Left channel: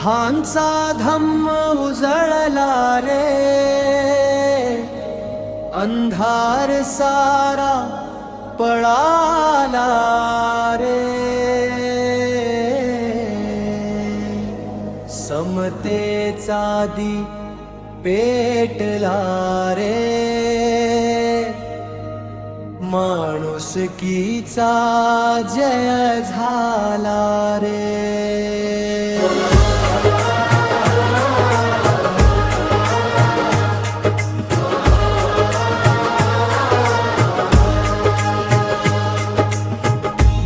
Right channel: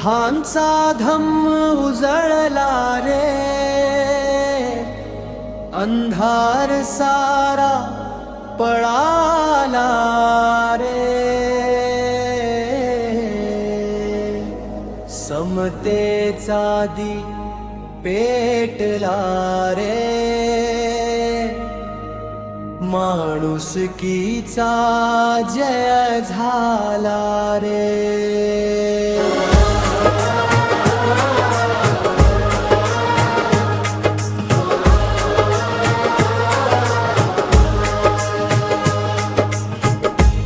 बुद्धांचा धम्म उजळला रे, अंधार सारा पळाला रे, समतेचा दीप पेटला रे, माणुसकीचा जय झाला रे.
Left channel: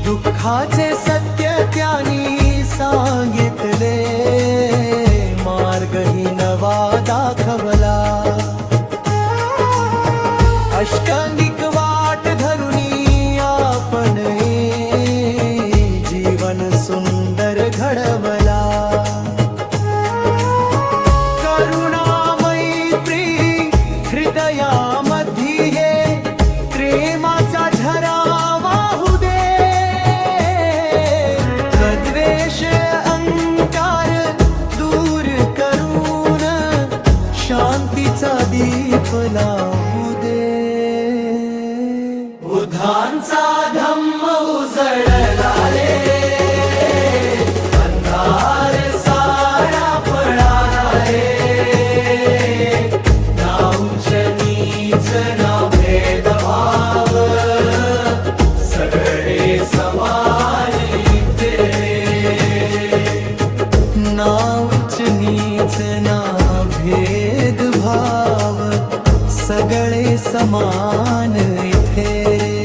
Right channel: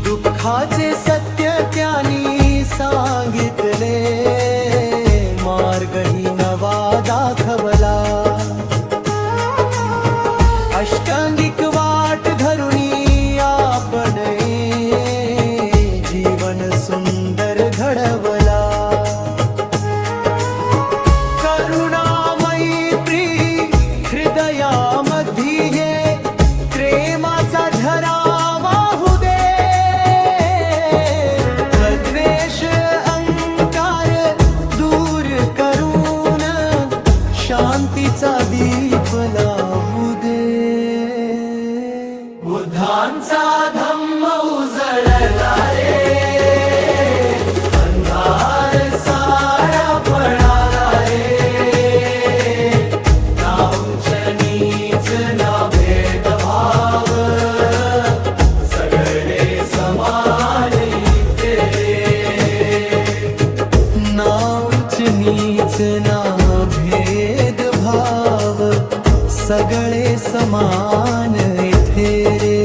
दुःखाचे सत्य त्यांनी सांगितले, मार्गही नवा दाखवला. अष्टांगिक वाट धरुनी आपण जीवन सुंदर घडवला. करुणा मैत्री हृदयामध्ये प्रेमाचा झरा वाहू दे. द्वेष अहंकार दूर करून शांतीचा दीप लावू दे. बुद्धांचा धम्म उजळला रे, अंधार सारा पळाला रे. ना उंच नीच ना भेदभाव, सगळे समाज इथे. ना उंच नीच ना भेदभाव, सगळे समान इथे रे.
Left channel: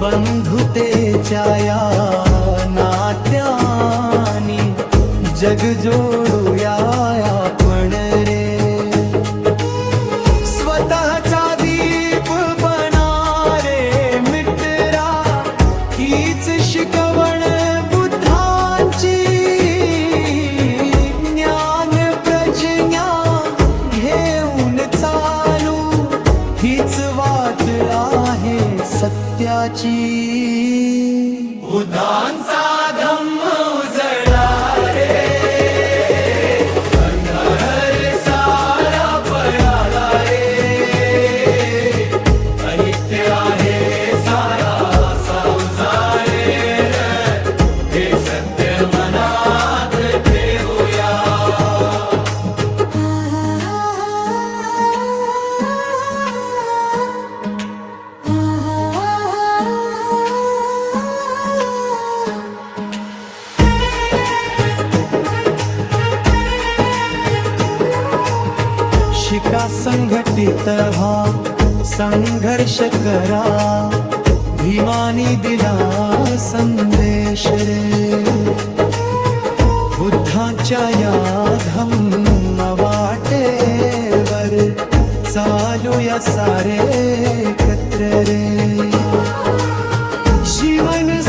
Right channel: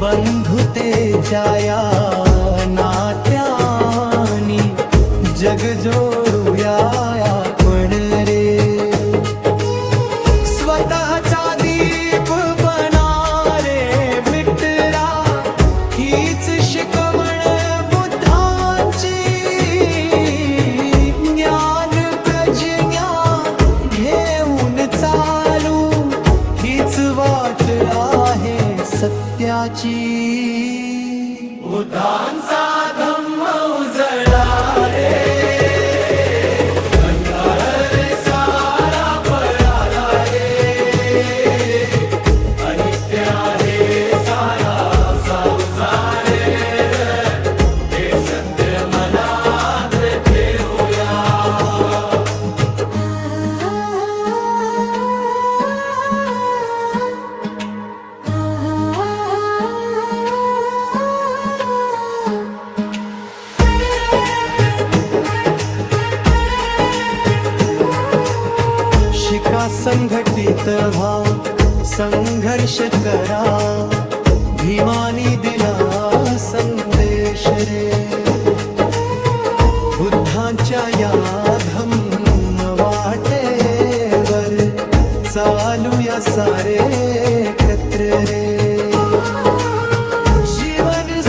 बंधुतेच्या या नात्यानी जग जोडूया आपण रे. स्वतःचा दीप बना रे मित्रा, हीच शिकवण बुद्धांची. ज्ञान प्रज्ञा घेऊन चालू, हीच वाट आहे सत्याची. बुद्धांचा धम्म उजळला रे, अंधार सारा पळाला रे. अनित्य आहे सारा संसार, हे सत्य मनात ठेवूया. शिका संघटित व्हा, संघर्ष करा, भीमानी दिला संदेश रे. बुद्धांच्या या धम्म वाटेवर चालूया सारे एकत्र रे. जीवन